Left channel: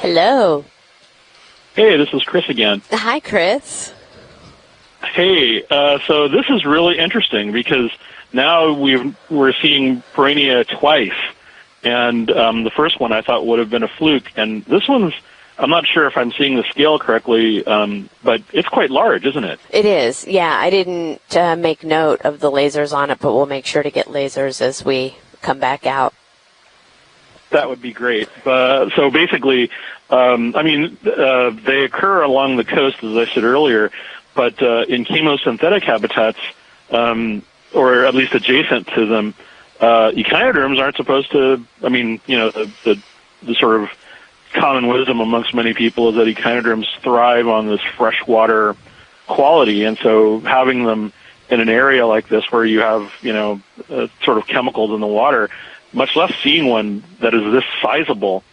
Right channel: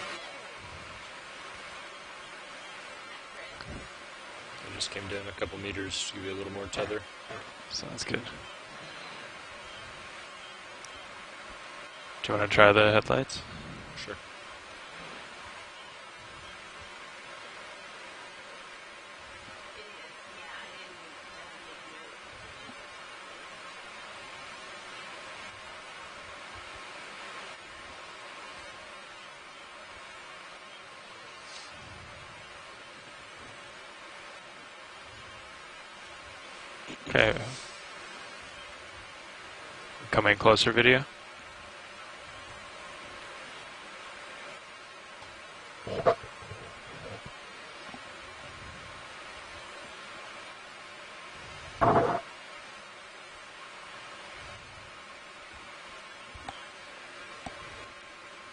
Hello. Hey, this is Chris again. Hi, Chris. Hey, so this is really interesting because now we're seeing Perennia twice, and the first one I thought would have been a fluke, and this one's, I'm not sure if I'm seeing the scale correctly, but it's quite large, isn't it? It is, yeah. I didn't make note of the lasers on it, but we'll make sure to get lasers as we come back out. That would be great. So basically, they occur along the coast, as I said earlier, but in chemosynthetic habitats, or at least adjacent to them, echinoderms aren't supposed to, the sort of common wisdom amongst many people is that echinoderms thrive on this freshwater quality, and so having them in an area like this where you have, sort of chemicals in the water, much less seeing one that is this sizable,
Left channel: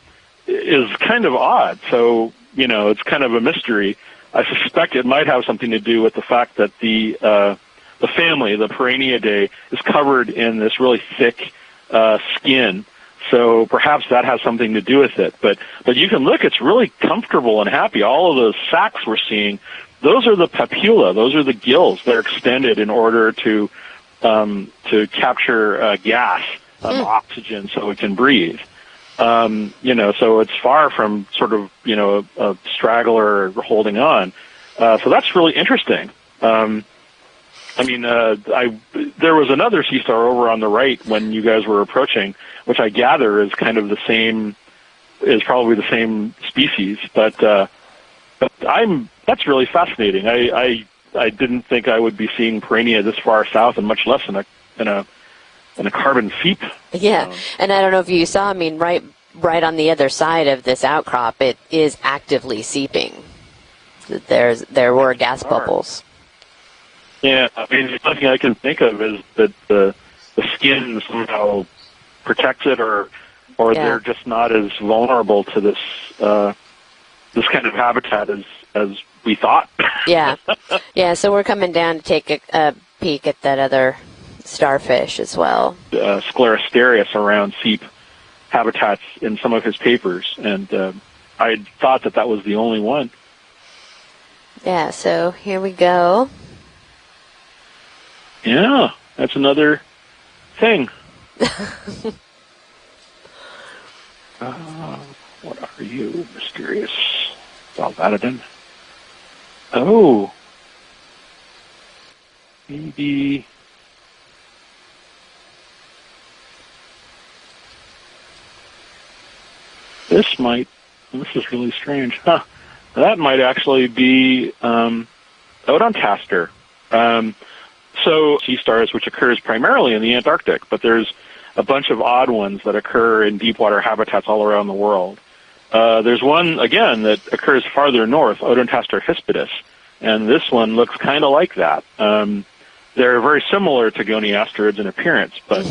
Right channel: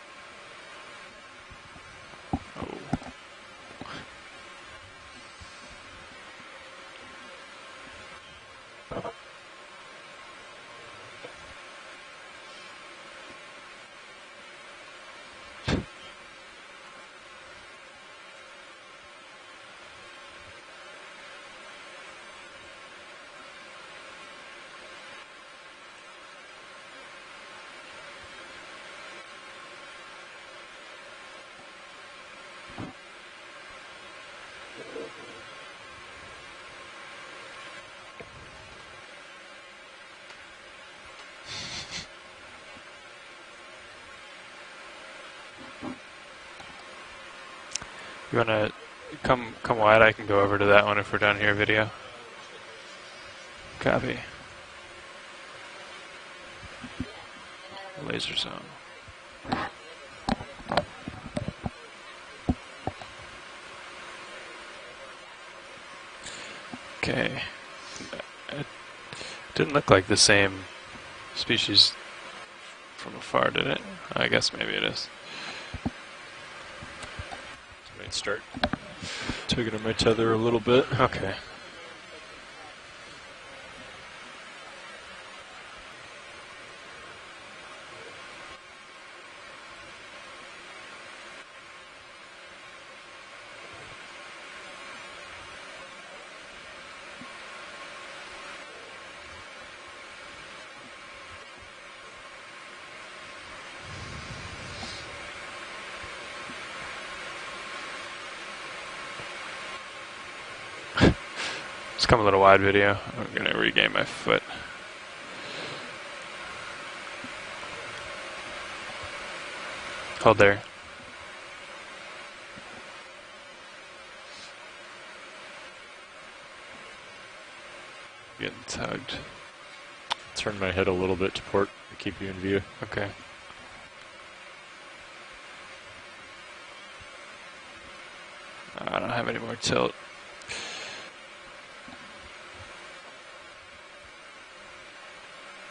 is kind of odd. So, it's kind of a mystery. I suspect it might have something to do with the fact that the family, the Perenniidae, is covered in this really thick skin. So perhaps that has something to do with it. But you can look; it's really comfortable and happy. All of those sacs we're seeing, those are the papilla. Those are the gills that are extended in order to capture gas, oxygen, so it can breathe. So it's far from sort of, a straggler holding on. So that's really interesting. There was another sea star over on the right when you guys were approaching, which I gather is kind of is probably the same species, but that's really fascinating. I didn't think I would be seeing Perennia this far south, and much less in a carbon seep. Yeah, and I don't know if you saw, right on the other side of this outcrop, it is actively seeping. There were gas bubbles. Okay. Yeah, nothing I can think of is that the skin somehow protects it, or they're just not as vulnerable to this kind of habitat as we thought. Yeah, a little bit. Yeah. So we're coming down to take a peek at that other starfish as well. Sclerosterius around seep habitats in some of his papers, and I thought that was the only one. Yeah, so here we go. Yeah, that's another thing. What are you, mysterious Valvatidan? Oh. It's come a little wide video. I'm going to regain my foot. This is really strange. Huh. That might actually be Odontaster. So sea stars, which occurs primarily in the Antarctic, but there's a bunch of odd ones that occur in deep water habitats all around the world. There's one, again, that occurs farther north, Odontaster hispidus, and this one looks kind of like that. They're very similar to goniasterids in appearance, but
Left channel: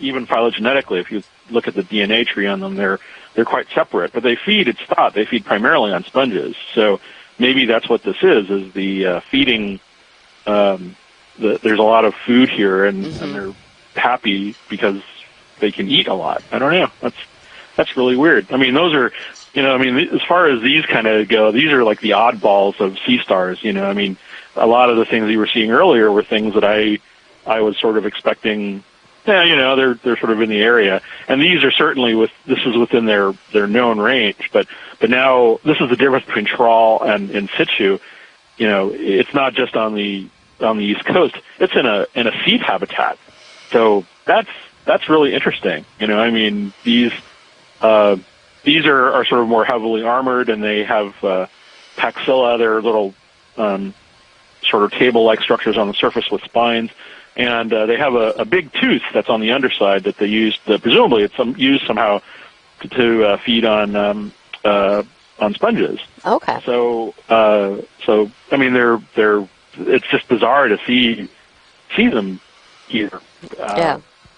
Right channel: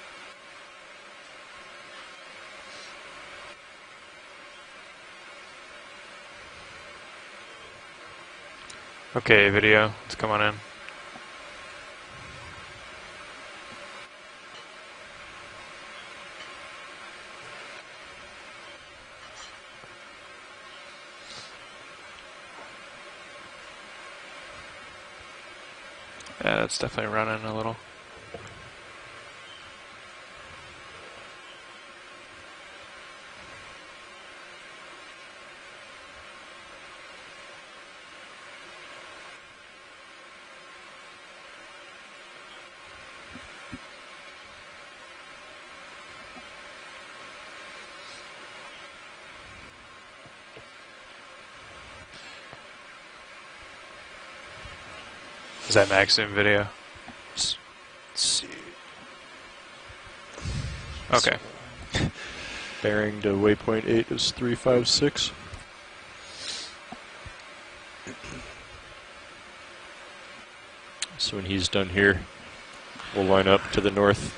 even phylogenetically, if you look at the DNA tree on them, they're quite separate. But it's thought they feed primarily on sponges. So maybe that's what this is the feeding. Video. Let's come on in. There's a lot of food here, and they're happy because they can eat a lot. I don't know. That's really weird. Those are, as far as these kind of go, these are like the oddballs of sea stars. A lot of the things you were seeing earlier were things that I was sort of expecting. Yeah, they're sort of in the area, and these are certainly this is within their known range. But now this is the difference between trawl and in situ. It's not just on the East Coast. It's in a seep habitat. So that's really interesting. These are sort of more heavily armored, and they have paxilla. They're little sort of table-like structures on the surface with spines. And they have a big tooth that's on the underside that they used, presumably used somehow to feed on sponges. Okay. So they're it's just bizarre to see. So when he's done see here, them. we'll line up to the north.